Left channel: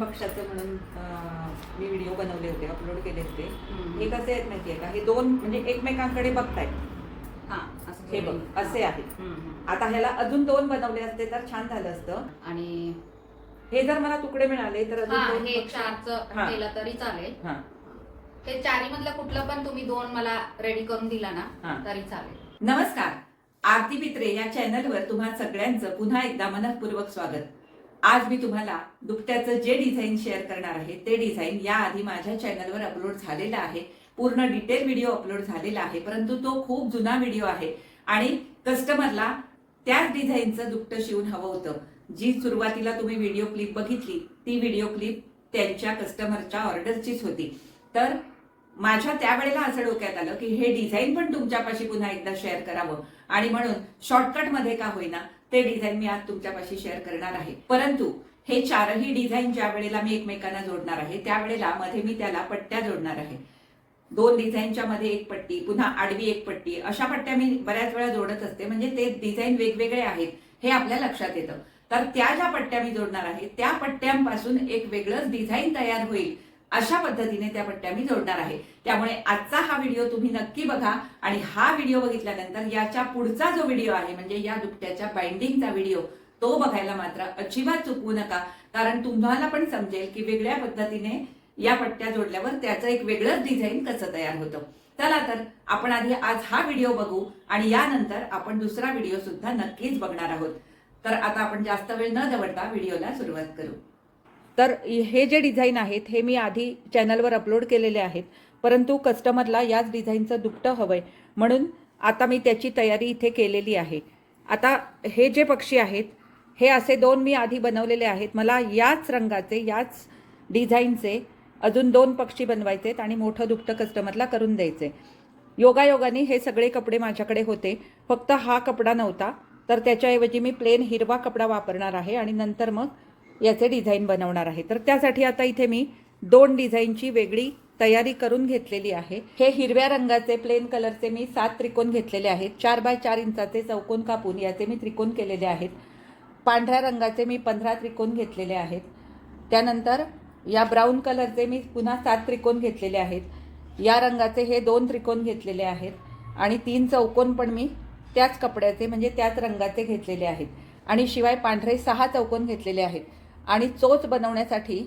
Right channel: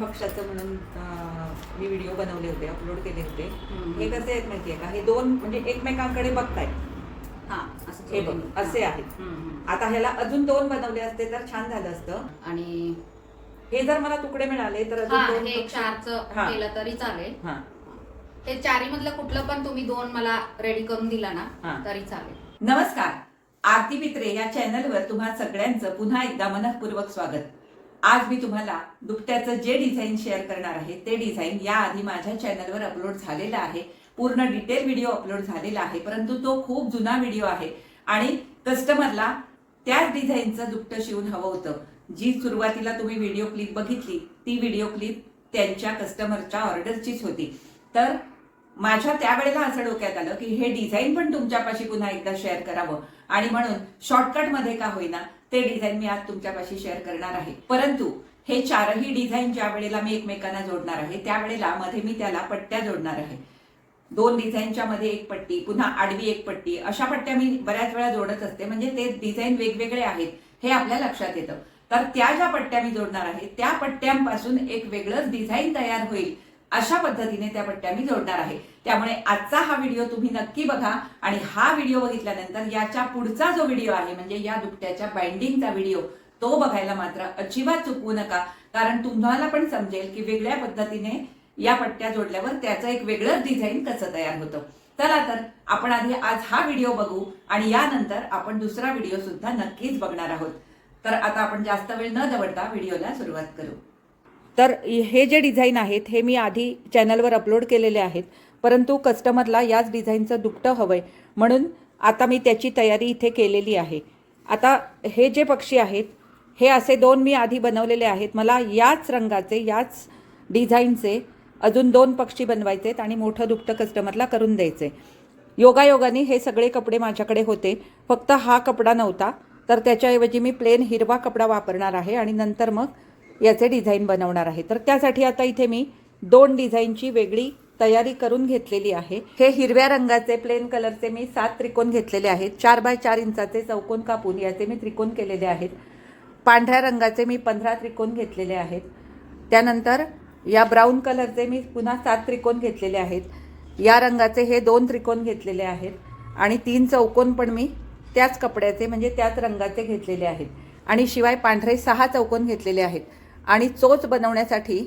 पक्षाचं म्हणून मी व्हिडिओ बनवले होते, अपलोड केले होते. हे कसे आहेत माहितीये का, हे दोन म्हणजे एकमेकांकडे बघतायत. हे बघ असे आहेत. आता ह्याला अजून दोन बनवले असते तर छान झालं असतं. आणि हे जर मला तुकडे मिळाले तर अजून दोन हे चारचं केलं तरी चालेल. ते चारी मधलं कुठलं पण तुम्ही दोन मला रेडी करून दिला ना तरी चालेल. नमस्कार, आरती पित्रे या चॅनलवर तुम्हा सगळ्यांचं पुन्हा एकदा मनःपूर्वक स्वागत. आज मी तुम्हाला दुपट्याचं जे डिझाईन शेअर करणार आहे ते डिझाईन याआधी माझ्या चॅनलवर अपलोड झालेला आहे. पूर्ण डिटेल व्हिडिओ अपलोड झालेला आहे, परंतु तो खूप जुना व्हिडिओ आहे आणि कस्टमरला त्याच डिझाईनचं दुपटं शिवून हवं होतं. जी सुरुवातीला तुम्ही व्हिडिओ क्लिप बघितली ती व्हिडिओ क्लिप त्यांच्या कस्टमरच्या ऑर्डरचीच होती. तर माझ्या त्यावेळेला असं डोक्यात आलं की हे डिझाईन पण तुमच्यापाशी पुन्हा एकदा शेअर करावं आणि म्हणून शॉर्टकट मध्ये का होईना ते डिझाईन मी आज तुमच्यापाशी शेअर करणार आहे. परंतु हे चारही डिझाईन ज्या वेळेला मी एकमेकांना जोडणार आहे त्यावेळेला मध्ये मी त्याला पट्ट्या जोडणार आहे. दोन डिझाईनच्या मध्ये एक पट्टी, पुन्हा आडवी एक पट्टी, अशा पट्ट्या मी बऱ्याच वेळा जोडत असते. म्हणजे ते डिझाईन वेगवेगळे आहेत हे आपल्या लक्षात येतं. तर त्या ज्या पट्ट्या मी जोडणार आहे त्या पट्ट्यांपासून एक वेगळंच डिझाईन तयार होईल अशा पद्धतीने त्या पट्ट्या मी जोडणार आहे. त्यामुळे आजचा हा व्हिडिओ तुम्ही नक्की बघा आणि हा व्हिडिओ बघितल्यानंतर याच्या पुढचा जो व्हिडिओ आहे म्हणजे या दुपट्याच्या बाइंडिंगचा व्हिडिओ तो बघायला मात्र अजिबात चुकवू नका. कारण तुम्हाला पण समजेल की वेगळ्या पद्धतीने या पट्ट्या जोडल्यावर त्याचं एक वेगळंच डिझाईन कसं तयार होतं. चला तर आपण आधी आज हा व्हिडिओ बघू आणि यानंतर आपण दुसरा व्हिडिओ सुद्धा नक्कीच बघणार आहोत. तर आता आपण जास्त वेळ न दवडता व्हिडिओला सुरुवात करू. तर हे जे डिझाईन आहेत हे मी आधी चॅनलवर अपलोड केलेले आहेत, परंतु कस्टमरला याच डिझाईनचं दुपटं हवंय म्हणून आता मी त्याची तयारी इथे केलेली आहे. आता हे जे पक्षी आहेत हे असे दोन मी आधी बनवलेले आहेत. मला याच रंगाचे याच डिझाईनचे अजून दोन पक्षी बनवायचे आहेत आणि मोठं दुपटं कस्टमरला करून द्यायचे. योगायोगाने हे सगळे कपडे माझ्याकडे होते, फक्त हा कपडा नव्हता. तर त्याच्याऐवजी मी प्लेन हिरवा कपडा वापरणार आहे आणि नंतर मग याचे डिझाईन बनवणार आहे. तर त्यासाठी आता इथे मी दोन डिझाईनची वेगळी तयारी करून घेतलेली आहे. हे हिरव्या रंगाचे प्लेन कलरचे मी 7 त्रिकोण घेतलेले आहेत. 4 बाय 4 इंचाचे चौकोन कापून याचे मी त्रिकोण केलेले आहेत. पांढऱ्या रंगाचे मी 15 त्रिकोण घेतलेले आहेत. त्यानंतर या ब्राऊन कलरचे मी पुन्हा 7 त्रिकोण घेतलेले आहेत. या रंगाचे हे 2 त्रिकोण घेतलेले आहेत आणि 3 चौकोन पण मी त्याच कपड्याचे म्हणजे त्याच रंगाचे घेतलेले आहेत. आणि शिवाय पांढरे 6 चौकोन घेतलेले आहेत. आणि चोच बनवण्यासाठी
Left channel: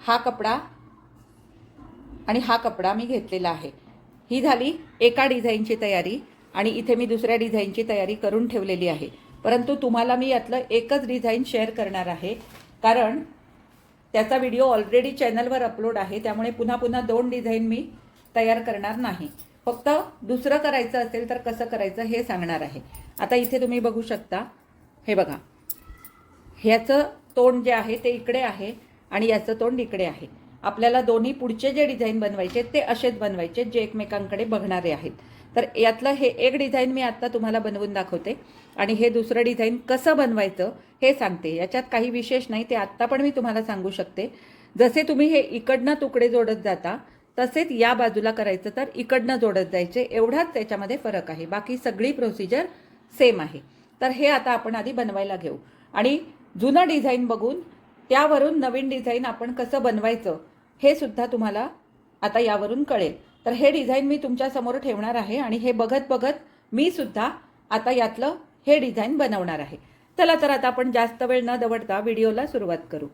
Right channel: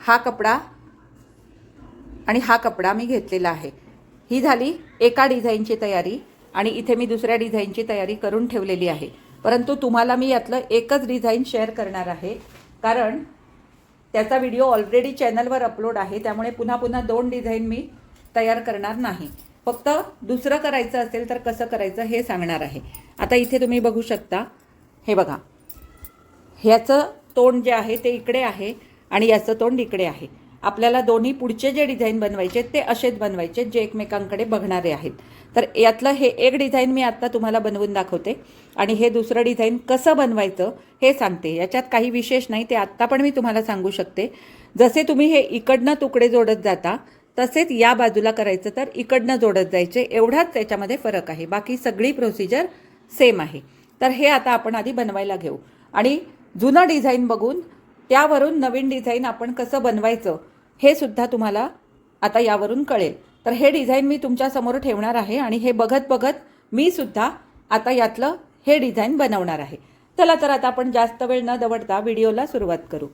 हा कपडा आणि हा कपडा मी घेतलेला आहे. ही झाली एका डिझाईनची तयारी आणि इथे मी दुसऱ्या डिझाईनची तयारी करून ठेवलेली आहे. परंतु तुम्हाला मी यातलं एकच डिझाईन शेअर करणार आहे कारण त्याचा व्हिडिओ ऑलरेडी चॅनलवर अपलोड आहे. त्यामुळे पुन्हा पुन्हा 2 डिझाईन मी तयार करणार नाही. फक्त दुसरं करायचं असेल तर कसं करायचं हे सांगणार आहे. आता इथे तुम्ही बघू शकता, हे बघा, ह्याचं तोंड जे आहे ते इकडे आहे आणि याचं तोंड इकडे आहे. आपल्याला दोन्ही पुढचे जे डिझाईन बनवायचे ते असेच बनवायचे जे एकमेकांकडे बघणारे आहेत. तर यातलं हे एक डिझाईन मी आता तुम्हाला बनवून दाखवते आणि हे दुसरं डिझाईन कसं बनवायचं हे सांगते. याच्यात काही विशेष नाही, ते आत्ता पण मी तुम्हाला सांगू शकते. जसे तुम्ही हे इकडनं तुकडे जोडत जाता तसेच या बाजूला करायचं तर इकडनं जोडत जायचे, एवढाच त्याच्यामध्ये फरक आहे. बाकी सगळी प्रोसिजर सेम आहे. तर हे आता आपण आधी बनवायला घेऊ आणि जुनं डिझाईन बघून त्यावरून नवीन डिझाईन आपण कसं बनवायचं हे सुद्धा तुम्हाला आता यावरून कळेल. तर हे डिझाईन मी तुमच्यासमोर ठेवणार आहे आणि हे बघत बघत मी सुद्धा आता यातलं हे डिझाईन बनवणार आहे. चला तर आता आपण जास्त वेळ न दवडता व्हिडिओला सुरुवात करू.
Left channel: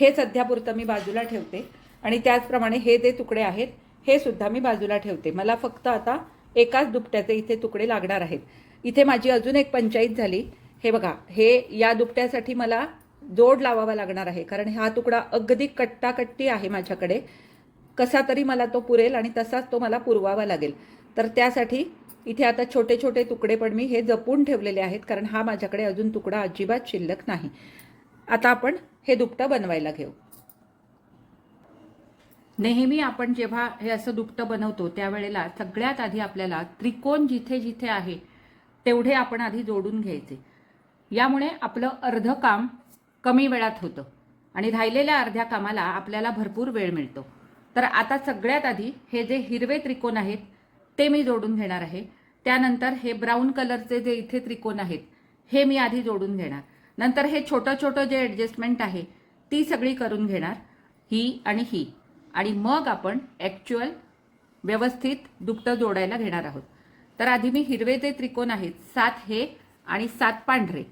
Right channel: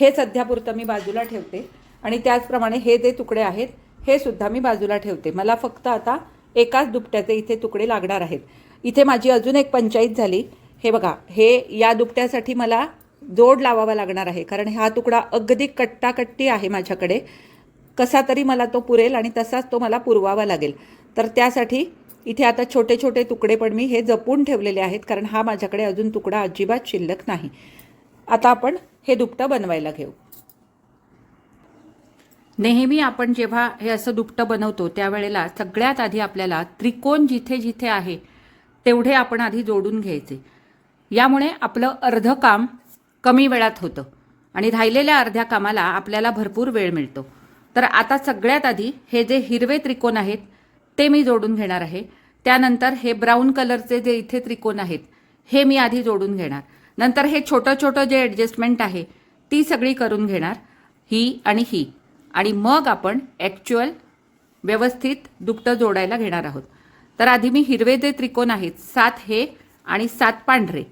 हे सध्यापुरतं मी बाजूला ठेवते आणि त्याचप्रमाणे हे जे तुकडे आहेत हे सुद्धा मी बाजूला ठेवते. मला फक्त आता एकाच दुपट्याचे इथे तुकडे लागणार आहेत. इथे माझी अजून एक पंचायत झाली. हे बघा, हे या दुपट्यासाठी मला जोड लावावा लागणार आहे कारण हा तुकडा अगदी कट्टाकट्टी आहे माझ्याकडे. कसा तरी मला तो पुरेल आणि तसाच तो मला पुरवावा लागेल. तर त्यासाठी इथे आता छोटे छोटे तुकडे पण मी हे जपून ठेवलेले आहेत कारण हा माझ्याकडे अजून तुकडा अजिबात शिल्लक नाही. आता आपण हे दुपटं बनवायला घेऊ. नेहमी आपण जेव्हा हे असं दुपटं बनवतो त्यावेळेला सगळ्यात आधी आपल्याला त्रिकोण जिथे जिथे आहे तेवढे आपण आधी जोडून घ्यायचे. यामुळे आपलं अर्धं काम कमी वेळात होतं आणि राहिलेल्या अर्ध्या कामाला आपल्याला भरपूर वेळ मिळतो. तर आता सगळ्यात आधी हे जे हिरवे त्रिकोण आहेत ते मी जोडून घेणार आहे. त्यानंतर हे ब्राऊन कलरचे जे इथे त्रिकोण आहेत हे मी आधी जोडून घेणार. नंतर हे छोटं छोटं जे ॲडजस्टमेंट आहे ती सगळी करून घेणार, ही आणि ही. आणि मग आपण ॲक्च्युअल व्यवस्थित दुपटं जोडायला घेणार आहोत. तर आधी मी हिरवे जे त्रिकोण आहेत 7 हे आणि 7 पांढरे,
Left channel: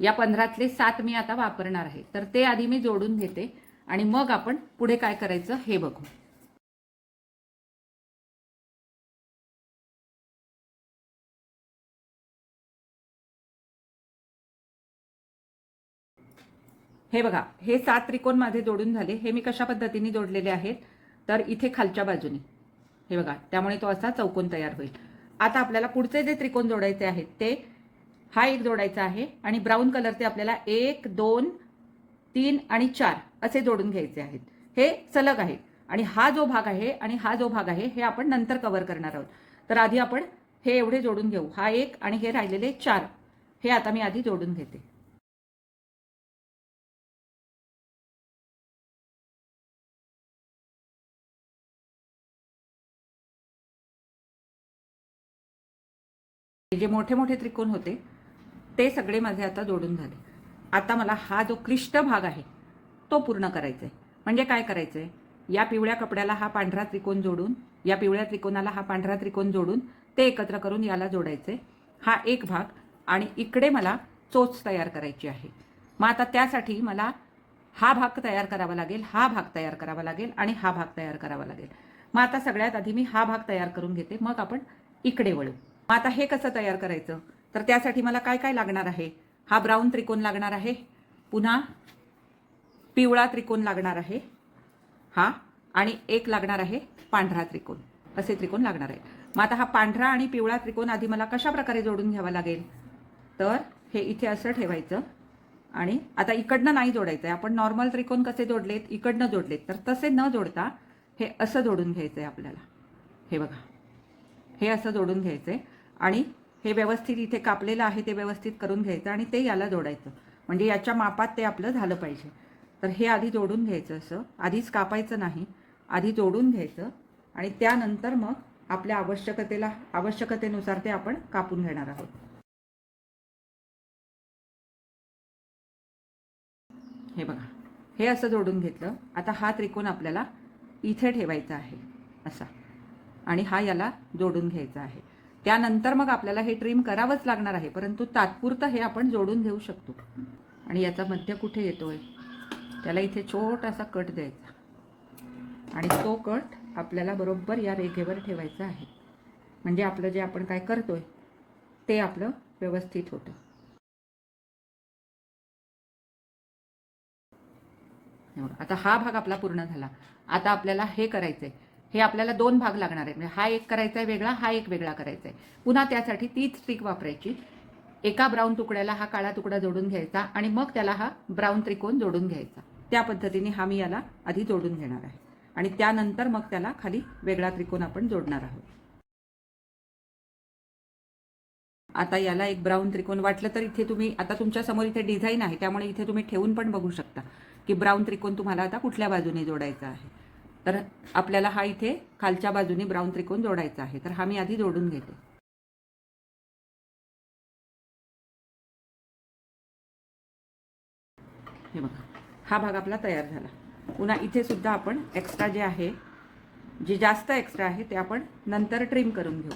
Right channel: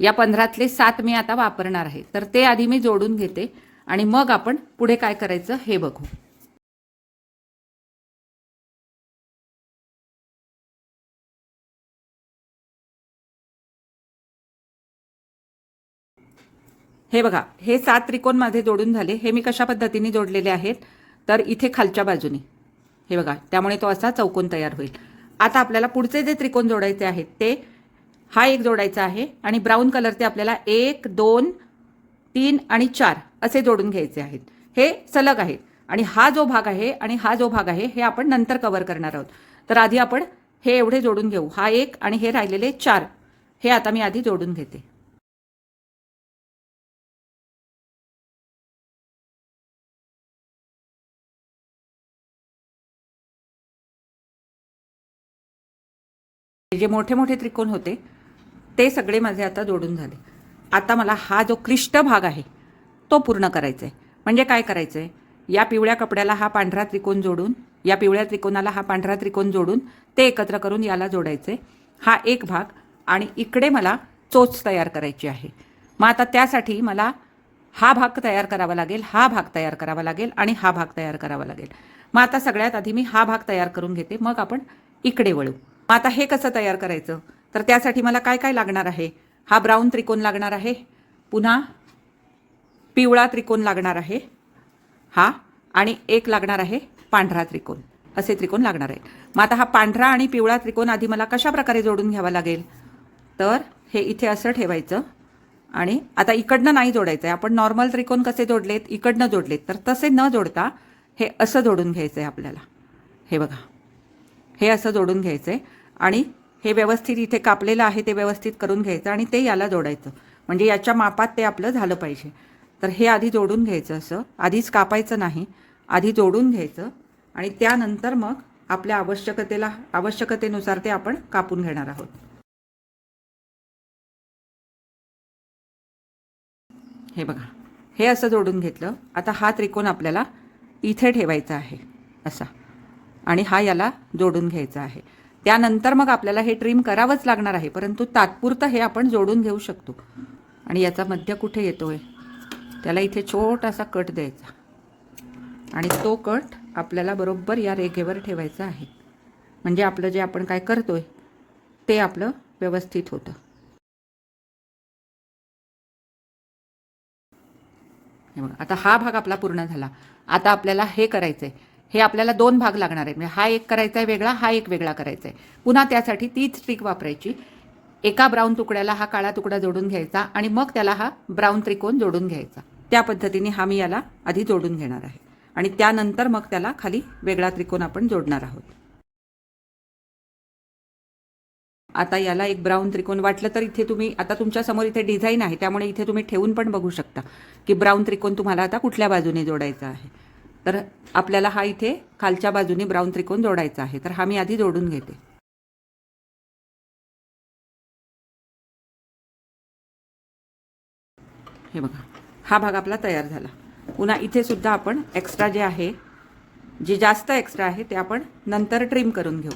या 15तले 7 मी आता वापरणार आहे. तर ते आधी मी जोडून घेते आणि मग आपण पुढे काय करायचं हे बघू. हे बघा, हे 7 त्रिकोण माझे जोडून झाले. हे मी कशा पद्धतीने जोडलेले आहेत तर इथे खालच्या बाजूने हे बघा, त्यामुळे तो असा चौकोन तयार होईल. आता आपल्याला पुढचे जे त्रिकोण जोडायचे आहेत ते हा एक जोडायचा आहे आणि ब्राऊन कलरचे आपल्याला 1 2 3 आणि 4 असे जोडून घ्यायचे आहेत. हे सलग आहेत आणि हा जो भाग आहे आणि हा जो भाग आहे हे आपण नंतर कव्हर करणार आहोत. तर आधी आपण हे एवढे जोडून घेऊ. हा एक आणि हे राहिलेले 4 हे आता मी आधी जोडून घेते. जे मोठे मोठे त्रिकोण होते ते सगळे माझे आता जोडून झाले. आता मला हा जो क्लिष्ट भाग आहे तो पूर्ण करायचा आहे. म्हणजे काय करायचं आहे, या पिवळ्या कपड्याला हा पांढरा त्रिकोण जोडून, या पिवळ्या त्रिकोणाला हा पांढरा त्रिकोण जोडून ते एकत्र करून याला जोडायचं आहे. हा एक भाग आणि इकडे मला चोच तयार करायची आहे. मग आता त्यासाठी मला हा भाग तयार करावा लागेल, हा भाग तयार करावा लागेल आणि हा भाग तयार करावा लागेल. मग आता सगळ्यात आधी मी हा भाग तयार करून घेते, मग आपण इकडे वळू. मग आता हे कसं तयार करायचं, तर त्यासाठी मला काय काय लागणार आहे. हा ब्राऊन त्रिकोण लागणार आहे, पुन्हा पिवळा त्रिकोण लागणार आहे हा, आणि एक लागणार आहे पांढरा त्रिकोण. असे त्रिकोण लागणार आहे. मग आता हा पांढरा आणि पिवळा त्रिकोण आधी मला कशा प्रकारे जोडून घ्यावा लागेल, तर हे इथे असं ठेवायचं आणि आता इकडनं नाही जोडायचं आहे. आपण नॉर्मल त्रिकोण कसे जोडलेत, इकडनं जोडलेत, तर तसे न जोडता हे असं जोडून घ्यायचं आहे आपल्याला. हे बघा, हे असं जोडून घ्यायचं आहे आणि हे व्यवस्थित इथे कापलेलं आहे ते व्यवस्थित करून घ्यायचं आणि ते याला जोडायचं. म्हणजे याच्या मापात ते आपलं झालं पाहिजे. तर हे आधी जोडून घ्यायचं, असं आधीच कापायचं नाही, आधी जोडून घ्यायचं आणि त्यानंतर मग आपल्या आवश्यकतेनुसार ते आपण कापून घेणार आहोत. हे बघा, हे असं जोडून घेतलं. आता हा त्रिकोण आपल्याला इथे ठेवायचा आहे असा आणि हा याला जोडून घ्यायचा आहे. त्यानंतर मग आपल्याला हे ट्रिम करावंच लागणार आहे, परंतु तात्पुरतं हे आपण जोडून घेऊ शकतो. आणि याचा मध्य कुठे येतोय, त्याला इथे छोटासा कट द्यायचा आणि तो कट आपल्याला बरोबर या रेघेवर ठेवायचा आहे. म्हणजे आपलं जे आपण काय करतोय ते आपलं व्यवस्थित होतं. आता हा भाग आपला पूर्ण झाला. आता आपल्याला हे करायचं आहे, हे आपल्याला 2 भाग लागणार आहेत. म्हणजे हा एक करायचा आहे वेगळा, हा एक वेगळा करायचा आहे. पुन्हा त्यासाठी तीच ट्रिक वापरायची. एका ब्राऊन तुकड्याला हा काळा तुकडा जोडून घ्यायचा आणि मग त्याला हा ब्राऊन त्रिकोण जोडून घ्यायचा. त्या पद्धतीने हा मी याला आधी जोडून घेणार आहे आणि त्यानंतर मग त्याला खाली वेगळा त्रिकोण आपण जोडणार आहोत. आता याला एक ब्राऊन त्रिकोण वाटलं तर इथे तुम्ही, आता तुमच्या समोर इथे डिझाईन आहे त्यामुळे इथे तुम्ही ठेवून पण बघू शकता की ब्राऊन त्रिकोण तुम्हाला आता कुठल्या बाजूने जोडायचा आहे. तर आपल्याला हा इथे खालच्या बाजूने ब्राऊन त्रिकोण जोडायचा आहे. तर हा मी आधी जोडून घेते. हे बघा, हा भाग आपला तयार झाला. पुन्हा इथे सुद्धा आपण एक्स्ट्रा जे आहे, जे जास्त एक्स्ट्रा आहे ते आपण नंतर ट्रिम करून घेऊ.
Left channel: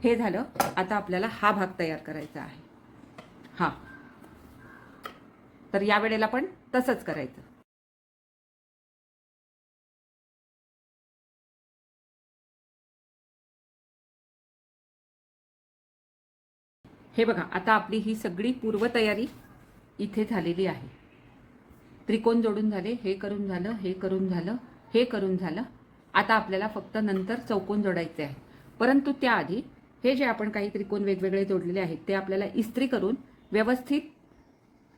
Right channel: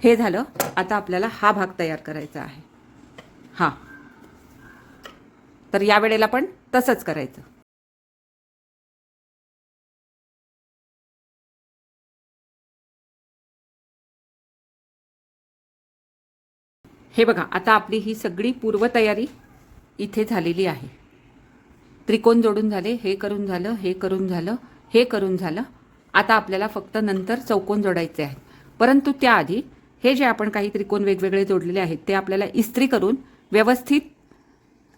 हे झालं. आता आपल्याला हा भाग तयार करायचा आहे हा. तर या वेळेला पण तसंच करायचं. हे बघा, आता आपली ही सगळी पूर्वतयारी इथे झालेली आहे. त्रिकोण जोडून झाले, हे करून झालं, हे करून झालं, हे करून झालं. आता आपल्याला फक्त नंतर चौकोन जोडायचे आहेत. परंतु त्याआधी हे जे आपण काही त्रिकोण वेगवेगळे जोडलेले आहेत ते आपल्याला इस्त्री करून व्यवस्थित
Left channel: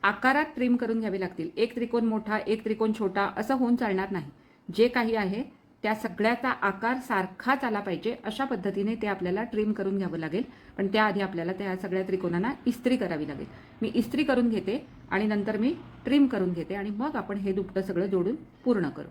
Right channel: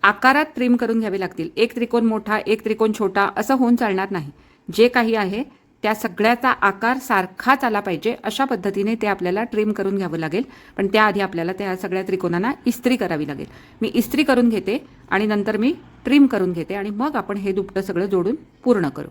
आकारात ट्रिम करून घ्यावे लागतील. एक त्रिकोण मोठा, एक त्रिकोण छोटा असं होऊन चालणार नाही. जे काही आहे त्या सगळ्याचा आकार सारखाच आला पाहिजे अशा पद्धतीने ते आपल्याला ट्रिम करून घ्यावं लागेल. पण त्याआधी आपल्याला त्या सगळ्या त्रिकोणांना इस्त्री करावी लागेल. मी इस्त्री करून घेते आणि नंतर मी ट्रिम करून घेते आणि मग आपण हे दुपटं सगळं जोडून पूर्ण करू.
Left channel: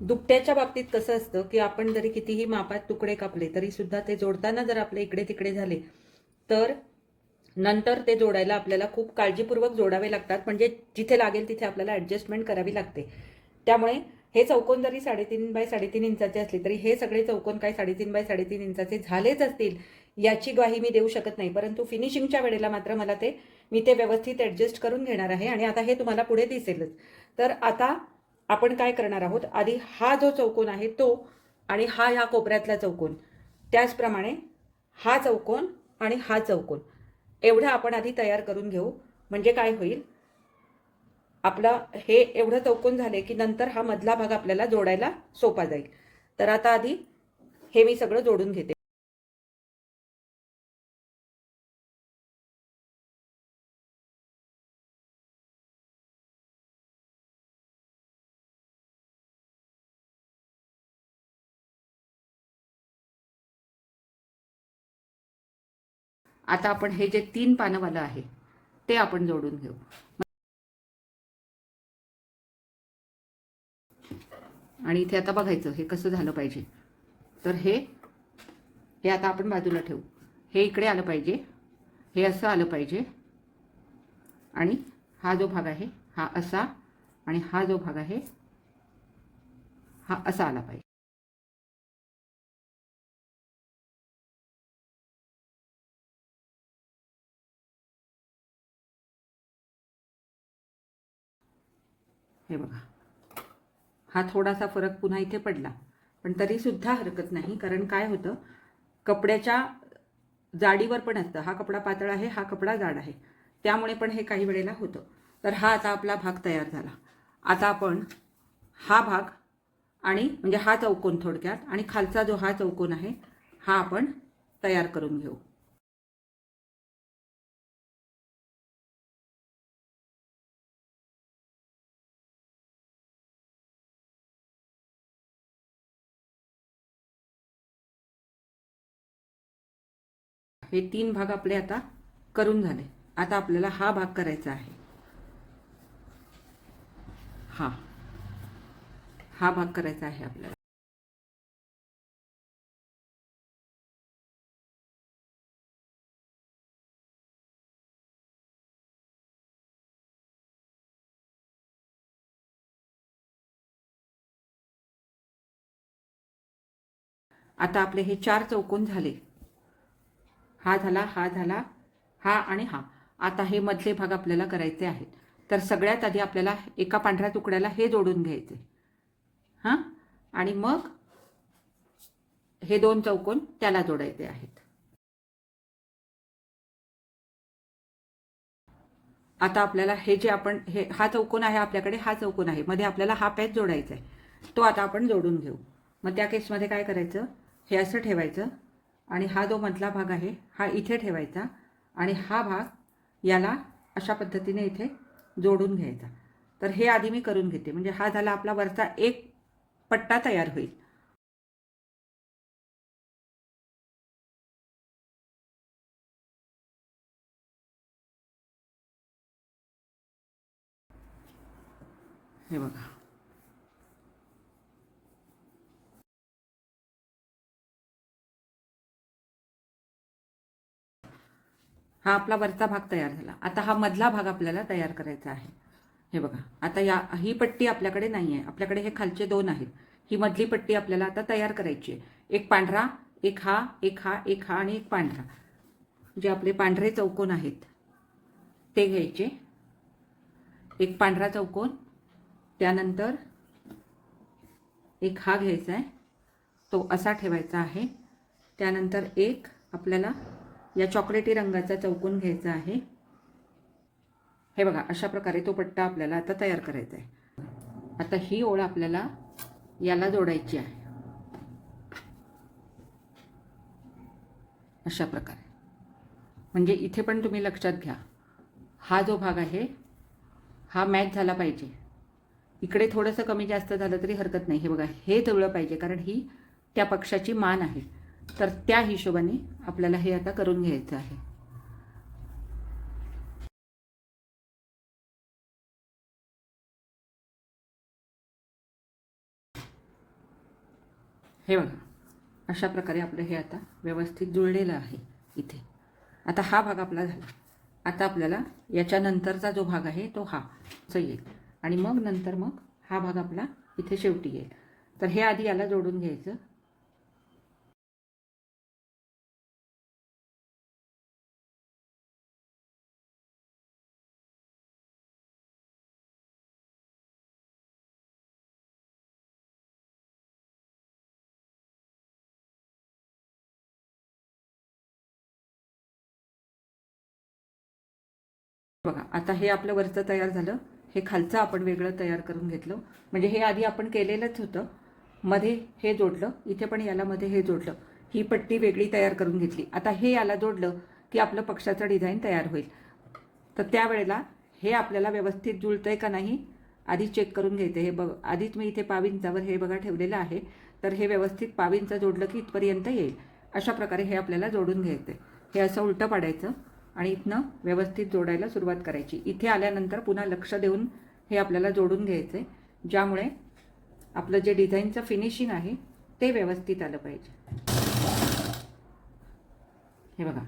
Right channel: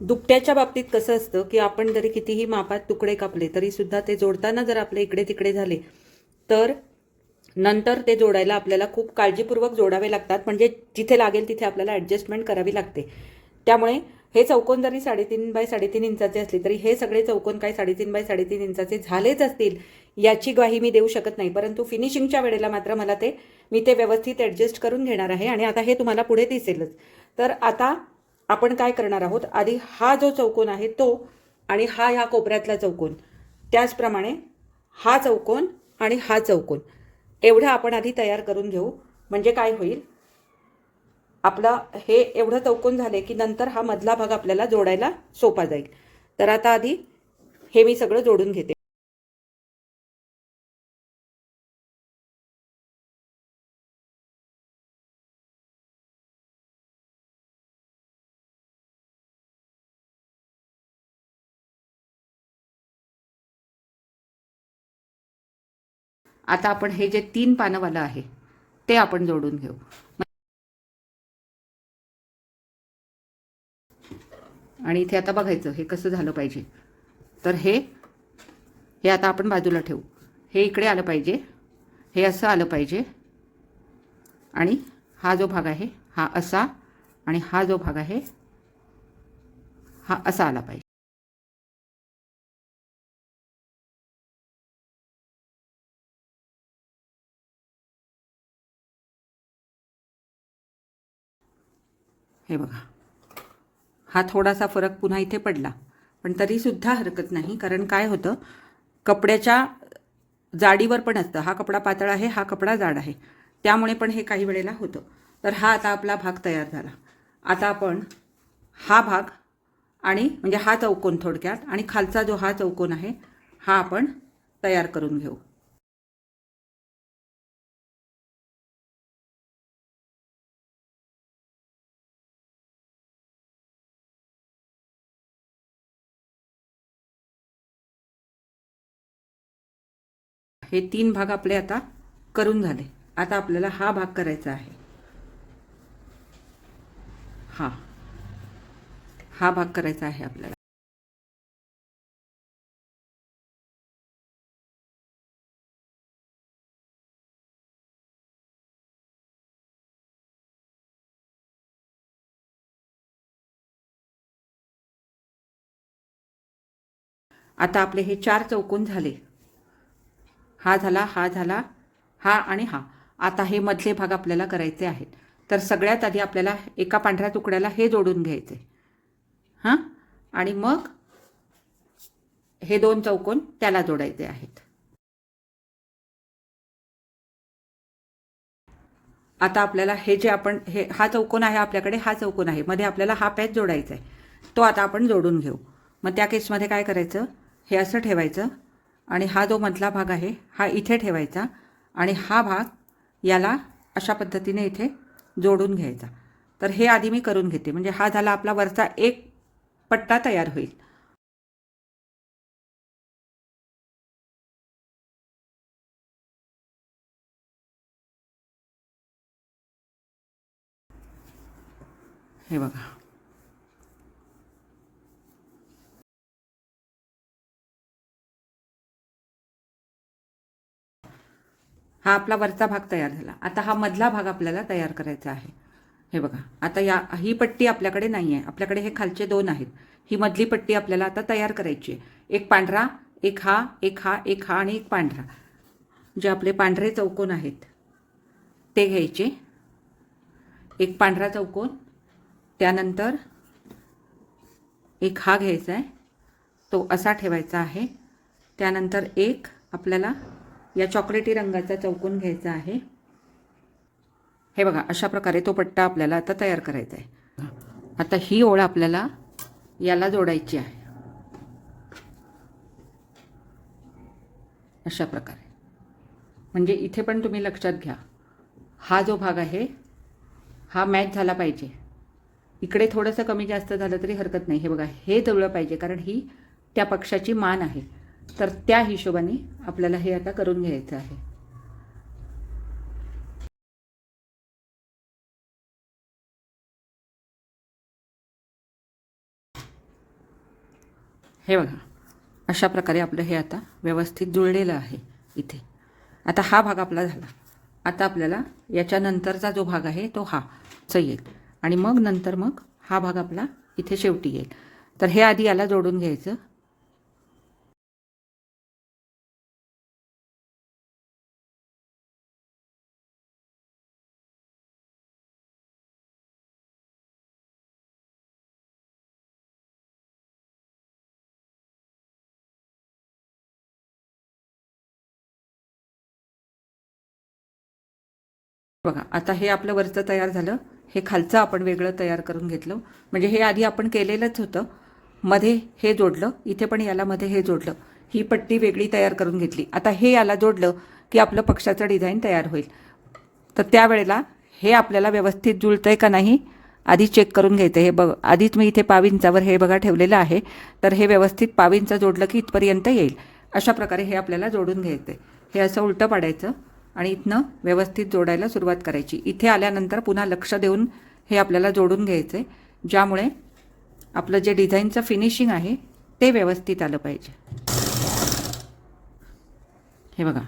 दुपट्याच्या बाबतीत कसं असतं की आपण जरी कितीही मापात तुकडे कापले तरी सुद्धा ते जोडताना जर आपले इकडे तिकडे झाले तर नंतर ते जोडायला आपल्याला खूप काळजीपूर्वक जोडावे लागतात. म्हणजे जिथे लागेल तिथे आपल्याला ॲडजस्टमेंट करावी लागते. त्यामुळे हे चौकोन जरी 3.5 बाय 3.5 इंचाचे असले तरी हे सगळे चौकोन काय 3.5 बाय 3.5 इंचाचे झालेच असतील याची ग्वाही मी देऊ शकत नाही. परंतु फिनिशिंगच्या वेळेला मात्र मी ते व्यवस्थित ॲडजस्ट करून घेणार आहे आणि आता हे तुम्हाला पुढे दिसेलच. तर आता आपण काय करणार आहोत, आधी हा जो चौकोन आहे तो आणि हा ह्या कोपऱ्यातला चौकोन, त्याचप्रमाणे हा चौकोन आणि हा चौकोन एवढं आपण आधी तयार करून घेऊ. म्हणजे काय होईल, आपला हे एवढं चौकोन झाले की नंतर हा मधला भाग आपल्याला जोडायला सोपा जाईल. तर आता आधी हे मी सगळं जोडून घेते. आता आपण हे जे 3 पानंवालं आहे ते आपण जोडून घेऊ. आणि इथे आता बघायचं हे कसं झालं पाहिजे. तर हे आता आपण बाजूला ठेवू. हे इकडे आलं पाहिजे, हे असं आलं पाहिजे आणि हा जो भाग आहे हा असा आणि हा जो भाग आहे हा असा आला पाहिजे. हे बघा, हा थोडासा फरक पुन्हा इथे पडला पण तरीसुद्धा हरकत नाही. कारण काय होतं, कपड्याच्या जाडीवर पण असतं. हा कपडा पातळ आहे, हा कपडा जाड आहे, त्यामुळे पण हे काही वेळेला होतं. तर हा आता आपला भाग तयार झाला. आता आपण हा भाग आणि म्हणजे हा चौकोन थोडक्यात आणि खालचा जो हा चौकोन आहे हा आपण तयार करून घेऊ. हे 3 भाग आपले आता करून झाले. आता आपल्याला हा भाग करायचा आहे. हा भाग करायचा आहे आपल्याला. आता आपले हे 4 चौकोन झाले. हा झाला, हा झाला, हा आणि हा. आता हे मधले भाग आपल्याला करायचे आहेत. तर सगळ्यात आधी आपल्याला एका पांढऱ्या तुकड्याला हे जोडून घ्यायचे. हां, आणि मग हे 2 चौकोन त्याला जोडायचे आहेत. आता आपल्याला हे जे आपण हा चौकोन आहे आपल्याकडे, हा चौकोन आहे, मध्ये आपल्याला हा पॅच जोडायचा आहे. तो आता आपण जोडून घेऊ. मग त्या केसमध्ये काय करायचं, हे असं ठेवायचं आणि हा जो मधला भाग आहे हा इथे ठेवायचा आणि हा भाग याला अशा पद्धतीने इथे जोडून घ्यायचा. तर हे आधी मी करून घेते. म्हणजे हा झाला आपला वरचा एक पट्टा तयार होईल. हे बघा, हा आपला वरचा भाग तयार झाला. आता हा मधला भाग आपल्याला तयार करायचा आहे. हे बघा, आता ही पट्टी आपल्याकडे नाही आहे, आपल्याकडे हे खालचे 2 आहेत. ही मधली पट्टी आपल्याला आता तयार करायची आहे. एक पांढरा, एक हा, एक हा, एक हा आणि एक पांढरा. जे आपले पांढरे चौकोन आहेत ते घ्यायचे. एक पांढरा चौकोन, त्यानंतर एक हा घ्यायचा आहे, तो असा ठेवायचा आहे. त्यानंतर एक आपल्याला या चॉकलेटी रंगाचा चौकोन घ्यायचा आहे. हे बघा, अशा प्रकारे तो पट्टा आपल्याला आता तयार करायचा आहे. आता ही ओळ आपल्याला याला जोडायची आहे अशा प्रकारे. म्हणजे इथे पण तुम्ही लक्षात घ्या, हा जो भाग आहे हा मॅच झाला पाहिजे. इकडे थोडंसं कमी जास्त झालं तरी हरकत नाही. हे बघा, हे जुळलं पाहिजे कारण ही त्या पक्षाची मान आहे. तर त्या हिशोबाने आपल्याला हे आता करून घ्यायचं आहे. हे बघा, अशा प्रकारे आपलं हे आता व्यवस्थित जुळलेलं आहे इथे. आता हा भाग आपला झाला. आता आपल्याला याच्यानंतरचा जो भाग आहे तो हा असं येईल आणि मग नंतर मग हा भाग आपला इथे शेवटी येईल. तर हे आधी याला जोडून घ्यायचं. बघा, आता हे आपलं वरचं तयार झालं. हे खालचं आपण वेगळं तयार करून घेतलं. म्हणजे हे आधी आपण केलेलंच होतं. मध्ये हे जोडलं, इथे पण याला मध्ये हे जोडलं, ही पट्टी वेगळी तयार करून घेतली. आता हे याला जोडलं की आपलं पक्षाचं डिझाईन तयार होईल. तर त्यावेळेला हे आपल्याला व्यवस्थित जुळतंय का नाही आधी चेक करून घ्यायचं. हे बघ, आधीच मी इथे पाविंचावर हे बघा ठेवलेलं आहे. तर हे व्यवस्थित पाविंचा जोडलं की इथपर्यंत येईल. अशा प्रकारे हे आपल्याला जोडून घ्यायचं. हे असं उलटं पाडायचं आणि इथनं व्यवस्थित जोडायला सुरुवात करायची. इथे आल्यानंतर पुन्हा लक्ष देऊन हे आपल्याला जोडून घ्यायचं आहे, ज्यामुळे आपलं जे डिझाईनचं फिनिशिंग आहे ते व्यवस्थित आलं पाहिजे. हे बघा,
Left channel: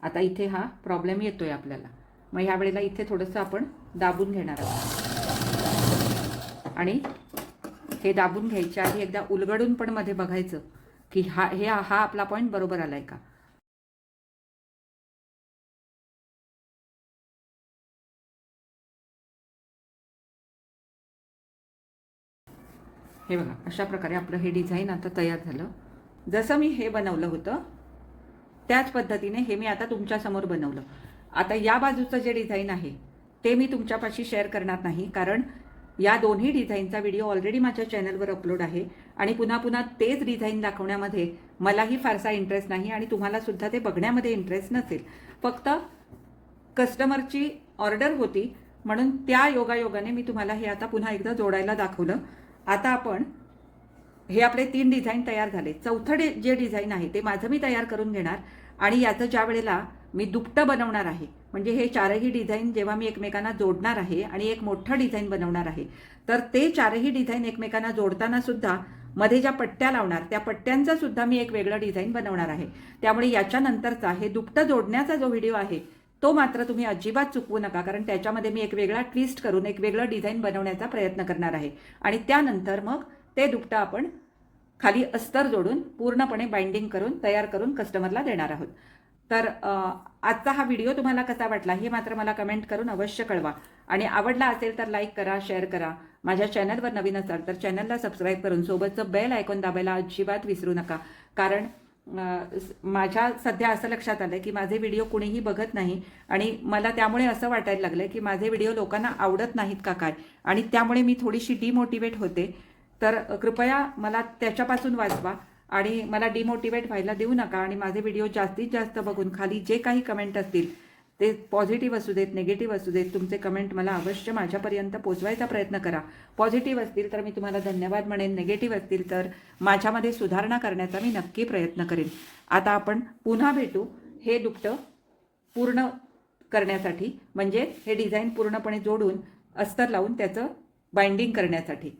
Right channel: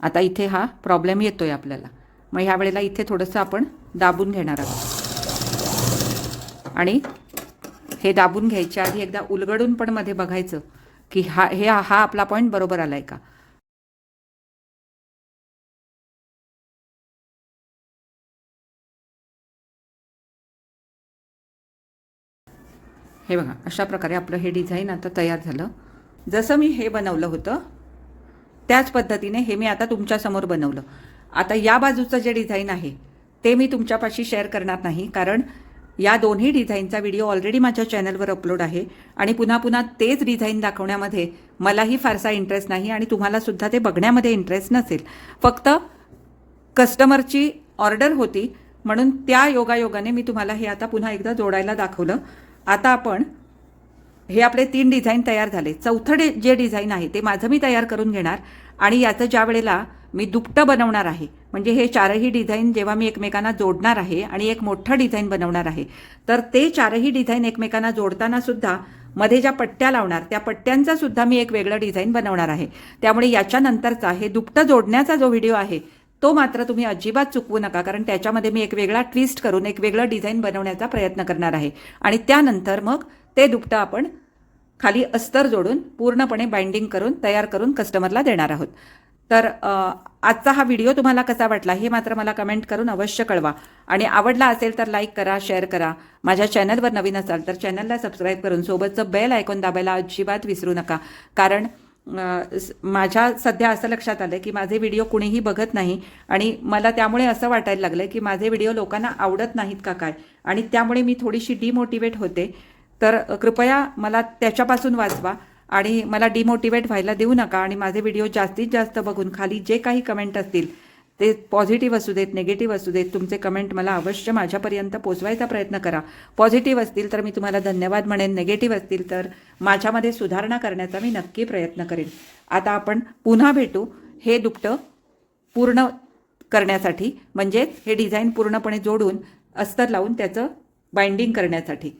आता इथे हा प्रॉब्लेम येतोय आपल्याला. मग ह्या वेळेला इथे थोडंसं आपण दाबून घेणार आहोत आणि हे दाबून घ्यायच्या आधी एकदा उलगडून पण मध्ये बघायचं की हा आपला पॉईंट बरोबर आलाय का. हे बघा, अशा प्रकारे आपलं हे डिझाईन आता तयार झालं. जसं मी हे बनवलं होतं त्याच पद्धतीने हे मी आता तुमच्यासमोर बनवलं. आता या बाजूचं जे डिझाईन आहे ते मी तुमच्यापाशी शेअर करणार नाही, कारण या दोन्ही डिझाईनचा व्हिडिओ ऑलरेडी माझ्या चॅनलवर अपलोड आहे आणि पुन्हा पुन्हा तेच डिझाईन दाखवण्यामध्ये मलाही फारसा इंटरेस्ट नाही आणि तुम्हालासुद्धा ते बघण्यामध्ये इंटरेस्ट नसेल. फक्त कस्टमरची ऑर्डर होती म्हणून त्या योगायोगाने मी तुम्हाला हे आता पुन्हा एकदा जोडायला दाखवलं. आता आपण हे आपले 3 डिझाईन तयार झाले. चौथं जे डिझाईन आहे ते माझं मी तयार करून घेणार आणि याचं ज्या वेळेला मी दुपटं बनवणार आहे, म्हणजे हे 4ही डिझाईन जेव्हा मी एकमेकांना जोडणार आहे आणि एक मोठं डिझाईन बनवणार आहे, तर ते 4ही डिझाईन एकमेकांना जोडताना सुद्धा मध्ये ज्या पट्ट्या लावणार त्या पट्ट्यांचा सुद्धा मी एक वेगळं डिझाईन बनवणार आहे. त्यामुळे याच्यानंतरचा हे दुपटं जोडण्याचा जो व्हिडिओ आहे तो मात्र तुम्ही अजिबात चुकवू नका, कारण त्याच्यामध्ये मी एक वेगळा ट्विस्ट करून एक वेगळं डिझाईन बनवण्याचा प्रयत्न करणार आहे आणि त्यानंतर मग ते दुपटं आपण खाली अस्तर जोडून पूर्णपणे बाइंडिंग करून तयार करून कस्टमरला देणार आहोत. तर आजचा हा व्हिडिओ तुम्हाला कसा वाटला हे मात्र मला कमेंट करून अवश्य कळवा आणि आवडला असेल तर लाईक करा, शेअर करा. माझ्या चॅनलवर नवीन असाल तर चॅनलला सबस्क्राईब करून सोबतचं बेल आयकॉन दाबायला अजिबात विसरू नका, कारण माझ्या सध्या असं लक्षात आलं की माझे व्हिडिओ कुणीही बघत नाही आणि मला त्यामुळे असं वाटायला लागलं की माझे व्हिडिओ लोकांना आवडत नाहीत का काय, आणि त्यामुळे मी थोडीशी डिमोटिवेट होते. तर कृपया मला त्याच्यापासून वाचवा आणि मला डिमोटिवेट व्हायला देऊ नका आणि माझे व्हिडिओ जास्तीत जास्त बघून खाली जे काही कमेंट असतील ते पॉझिटिव्ह असू देत, निगेटिव्ह असू देत, तुमचे कमेंट मला अवश्य माझ्यापर्यंत पोचवायचा प्रयत्न करा. पॉझिटिव्ह असतील तर मी तुम्हाला धन्यवाद म्हणेन, निगेटिव्ह असतील तर माझ्यामध्ये सुधारणा करण्याचा मी नक्की प्रयत्न करेन. आता आपण पुन्हा भेटू हे दुपटं पूर्ण करण्यासाठी, म्हणजे हे डिझाईन पूर्णपणे जोडून अस्तर लावून त्याचं बाइंडिंग करण्यासाठी.